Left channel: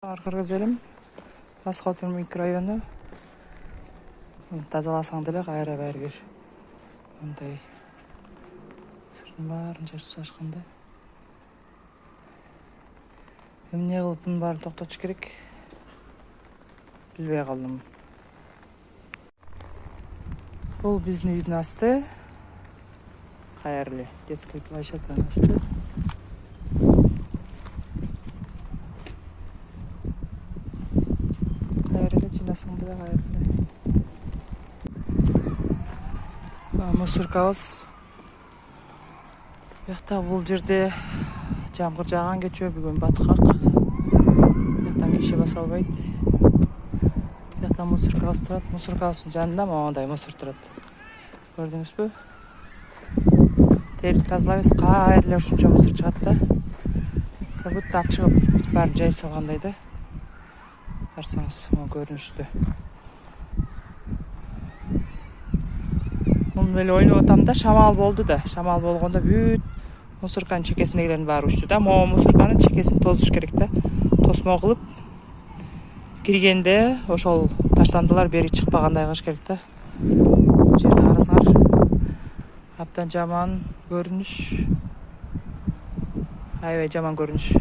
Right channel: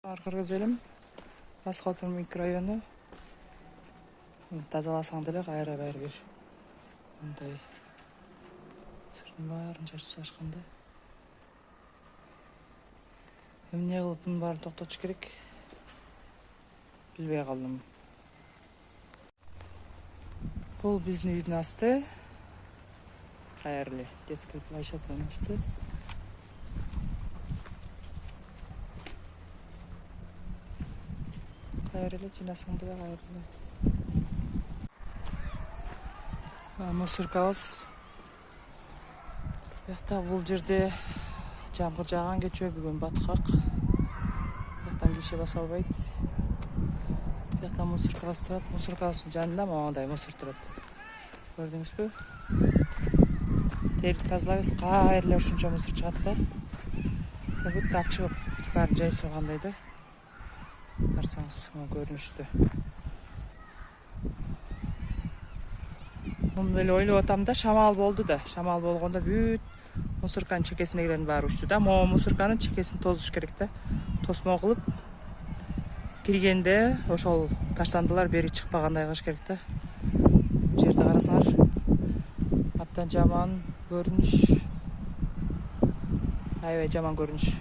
Кыргыз элим Бас Котор микрорайону. Тазаласаң деле кайра баары бир мындай сыртын баарын чачып салышканда. Эмне кылып мунун баарын токтотуш керек? Билбей калдым. Бул биздин үйдүн асты. Кайерле детский площадканын асты. Кайерле жыйнасаң деле кайерле. Мусоркабыз. Бuyakta бул жерде жамгыр жааган кечөө бүгүн баткак. Бuyактан киши баса албайт. Бuyakta мусоркабыз турат. Мусоркабыздын жанында моундай мусор турат. Көрдүңүзбү? Терип тазалабыз, кайерле ушунча мусор чыгат да. Как будто алып чыгып баарын жайып салгандай да. Барсаңыз, могу көрүнүштү. Муну эле ойлоп атам да, шамал болду да. Шамал болгондо бүт мусорканын чекесиндегилердин баары учту да. Могу мусорканын чекесин тозуш керек да. Тосмо кылып киргенде ошол таштандылар бери чыкпагандай кылыш керек да. Бул жерди карасаңар, абдан жаман көрүнүш. Аябай жаман көрүнүш.